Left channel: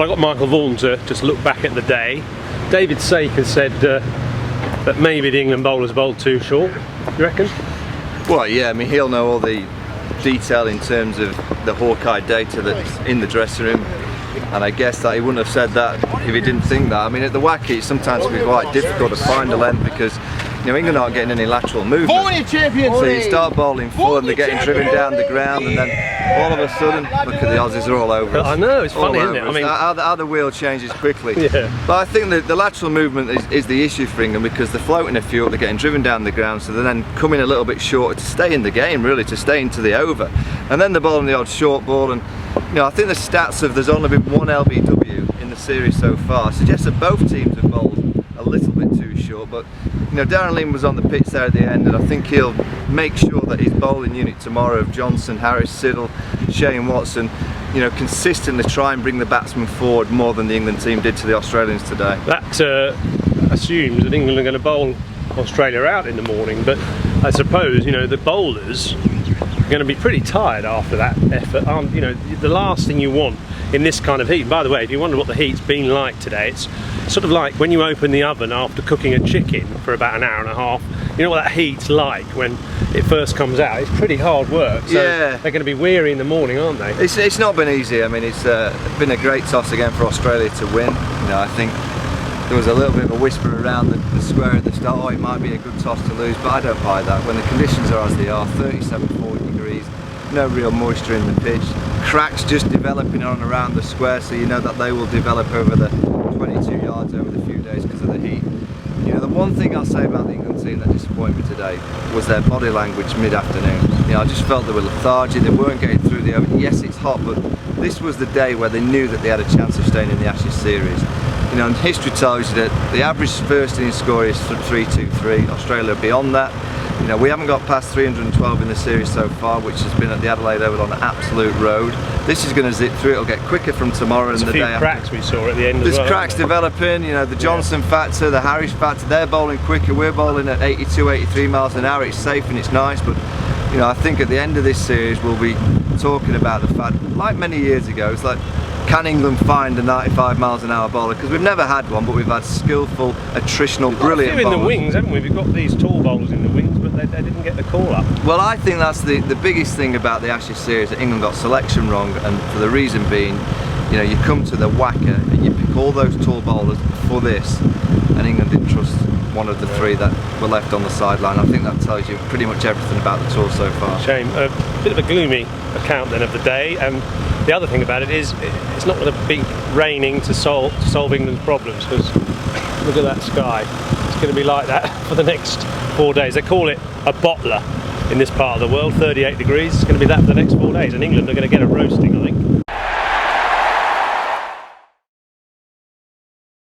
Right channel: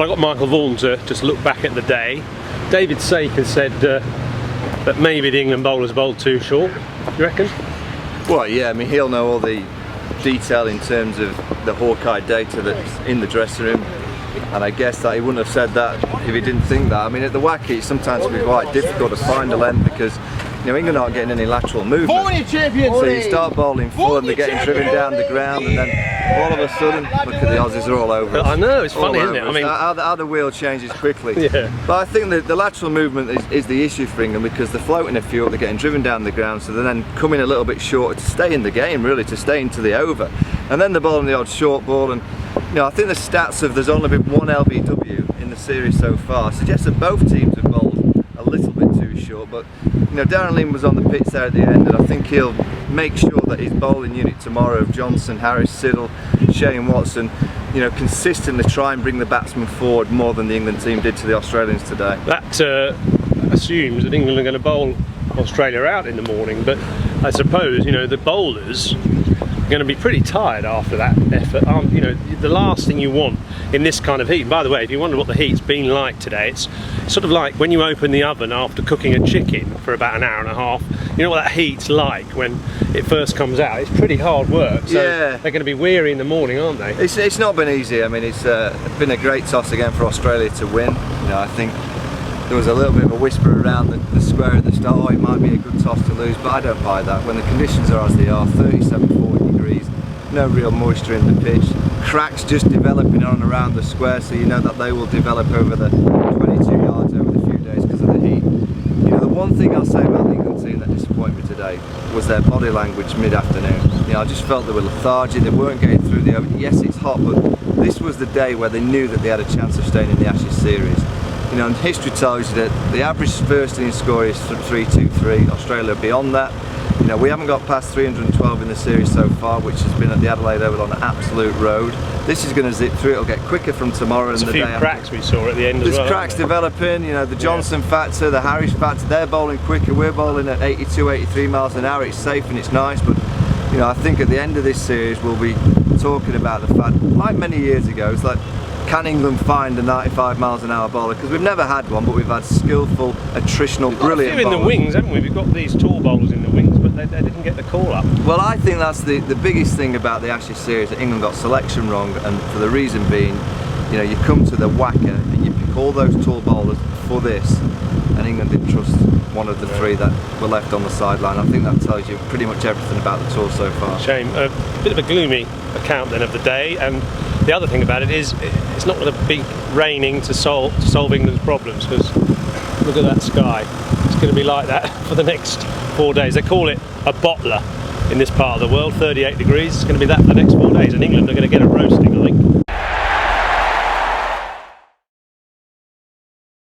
Well, I got Michael Vaughan to just look back at the day. David Sake has said that maybe the England bowlers bowled too short. You reckon? Well, yeah, I mean, he'll know all the detail in terms of the Hawkeye data that's in the dressing room, and I guess that he wouldn't have said that if he didn't think that. I mean, at the Waca it sometimes can be quite difficult to find a length because, you know, England aren't getting any lateral movement. So you start bowling full and they're getting driven down the ground, and then all of a sudden, look at the Aussies are all over us. I know, it's funny, isn't it? I mean, how the wheel changes quickly. Yeah. But I think that the lateral movement is the issue for England, because they're floating a few up, they're getting driven down the ground, so they're then coming a little bit shorter to stay in the game, really, to stay into the over. And then they're bowling the odd short ball, and you know, I think the stats of there's only been one LBW in the series so far suggests that both teams have bowled a little bit too short. But you know, Darren Lim was on the pitch there at the end, and I think he'll make sure that his bowling unit tomorrow of Johnson, Harris, Siddle, Shane Watson, you know, consistently try and bring the batsmen forward more than the England team did to the Australians today. That assumes that England are going to bowl Australia out in the morning, but I suppose, you know, the bowlers are going to be pretty tired after that effort. You know, the last thing you want in this kind of heat, and by the way, if you wonder what the heat's been like today, it's sort of like when you open the oven after cooking a chicken for about an hour and a half. You know what that heat's like when it first comes out. It's pretty hard work, so yeah, they're going to be weary in the morning, aren't they? It's not been easy. I mean, it's been a great toss again for Australia to win. You know, I think there was a little bit of a whisper around the square at the start, oh, it might be a good toss to lose, but I don't buy that. When the conditions are as they are, 37, 40 degrees, no real moisture in the pitch, cracks just developing on and around the square, so you know that they will develop over the 22 yards over the few days because of the heat. You know, the one thing I'll say about the England team that disappointed me today was their body language mid-afternoon. You know, I just felt they were lethargic, they weren't getting through the over. Yes, it's hot, but this was the day where they knew that they had a chance of staying in the Ashes series. You know, and history tells you that the average first innings score is 3-2-3. Australia are beyond that. You know, we haven't got past 312 in the series so far, which has been at the Adelaide Oval on an absolute road. This is going to zip through. It'll get quicker from tomorrow and the day after. There's a few cracks we saw at the end as well. There's cracks developing. You know, the Johnson factor, the Harris factor. They're bowling quicker. We're bowling at 82, 83 miles an hour. It's safe and it's nice, but you know, I think at the end of this series we'll be talking about the fact, like many years ago, it's like, can England find a 95 miles an hour bowler? Because we've never had one, but we've had skillful, attritional, brilliant bowlers. In the wings, haven't we? We've got these tall bowlers in the wings, but they didn't get the call up. Well, I think that's the biggest thing about the Ashes series, that England got selection wrong, and for the reason being, you know, you come to the Waca and you pick all those tall bowlers for this, and England didn't trust one of the three that were left on the sideline. I think that tells you pretty much everything about the tour so far. Shame. A bit of a gloomy account then of the day, and the other thing about it is it's not going to be raining to solve England's problems, because look at that sky. It's going to be like that for the next 4 days. They call it a bottler in this part of the world, 38 degrees. It's going to be that for the next 4 days, and England are going to get a roasting, I think.